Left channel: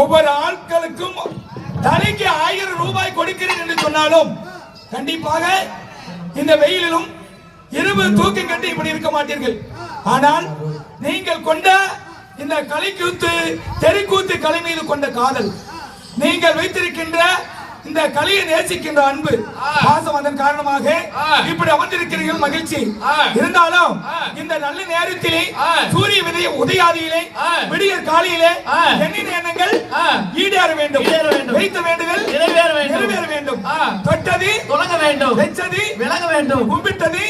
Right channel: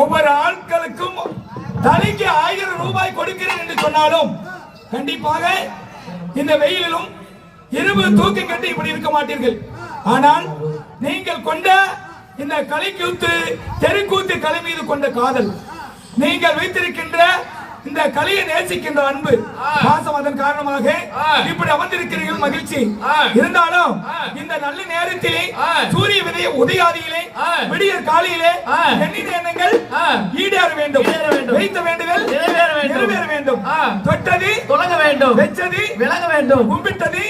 ஒவ்வொரு ஆட்களுக்கும் தலைக்கு 1000 ரூபாய் கொடுக்கிறேன் என்று சொன்னாலும் கண்டிப்பாக இந்த வெயிலிலும் இரவு தூக்கம் கட்டி இப்படி இருக்க மாட்டீர்கள். ஆனால் நீங்கள் கொண்ட இந்த கலைக்கூத்து தெருக்கூத்து கலை மீது கொண்ட காதல், நீங்கள் வைத்திருக்கின்ற இந்த கலையை நேசிக்கின்ற அன்பு பாசம், அதன் காரணமாக இப்படி அமர்ந்திருக்கிறீர்கள். மகிழ்ச்சி. இருந்தாலும் இந்த நல்ல நேரத்திலே சூரிய உதயாதியிலே விடிய காலையிலே எண்ணின எண்ணங்கள் ஈடேற வேண்டும், வைத்த வேண்டுதல் நிறைவேற வேண்டும், தொட்டது தொடங்க வேண்டும், வெச்சது விலக வேண்டும், கும்பிட்டது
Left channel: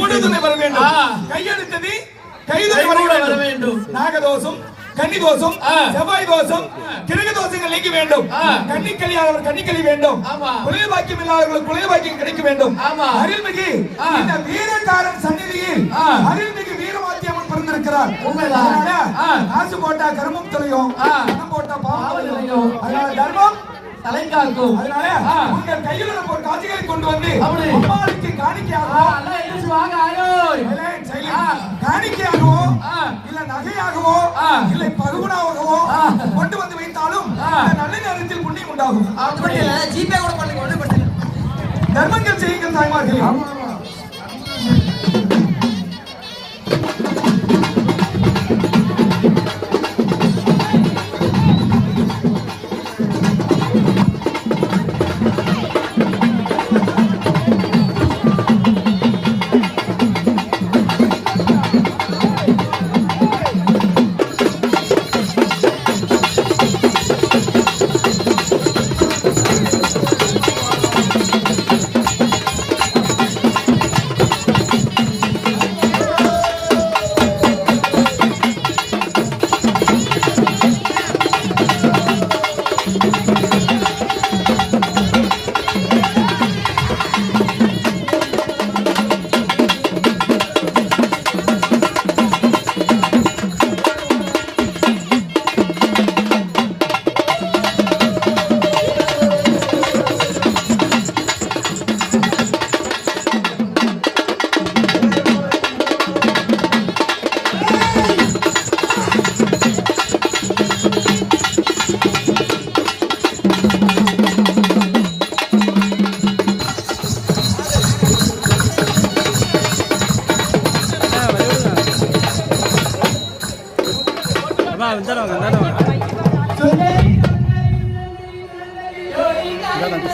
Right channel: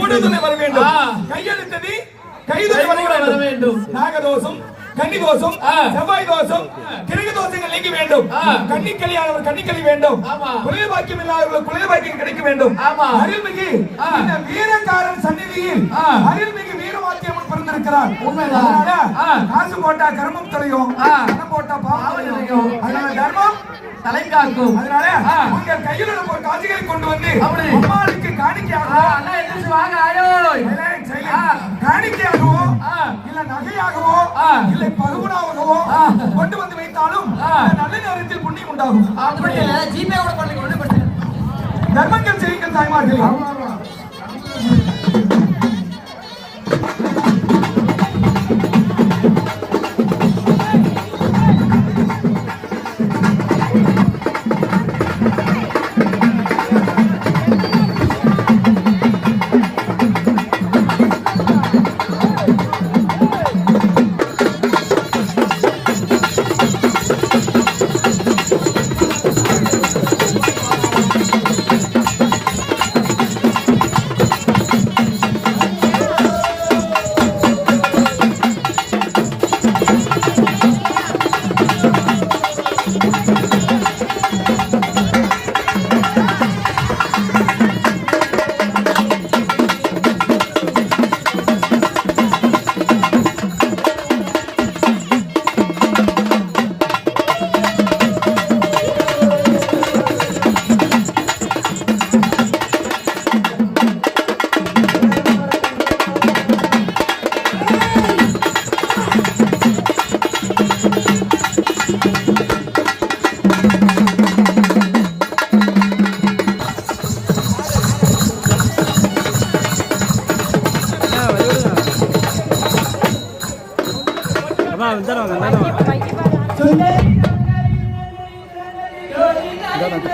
ஊடுதுணை வர வேண்டும், கையெடுத்தது கைதுணை வர வேண்டும். நாகதோஷம், கன்னி தோஷம், செவ்வாய் தோஷம், கிரக தோஷங்கள் நீங்க வேண்டும். கன்னிக்கலியானவர் கன்னிக்கலி வேண்டும், குழந்தை பாக்கியம் இல்லாதவர்கள் குழந்தை பாக்கியம் கிடைக்க வேண்டும். அருள்மிகு இந்த வீரக்காரன் சந்நிதியில் அருள்மிகு வீரவாத்தியம் பிறந்திருக்கிறார். காசு போட்டா கர்மம் தலையும், பணம் போட்டா பாவம் தலையும். அதனால கர்மம் தலைக்காக்கும். அதனால உங்கள் கையில் ஒரு காட்சிகளை கொண்டு வந்து அம்மாவுக்கு காணிக்கையாகவோ காணிக்கையாகவோ இல்ல நகையாகவோ இல்லை பகுவனாகவோ கொண்டு வந்து வைத்தாலும் நல்ல நேரத்தில் புண்ணியம் உண்டாகும். தர்மங்கள் செய்யுங்கள் தாய்மார்கள்.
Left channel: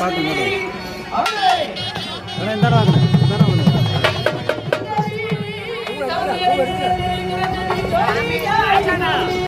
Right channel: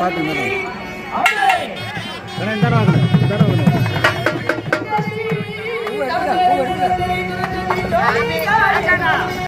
பாத்து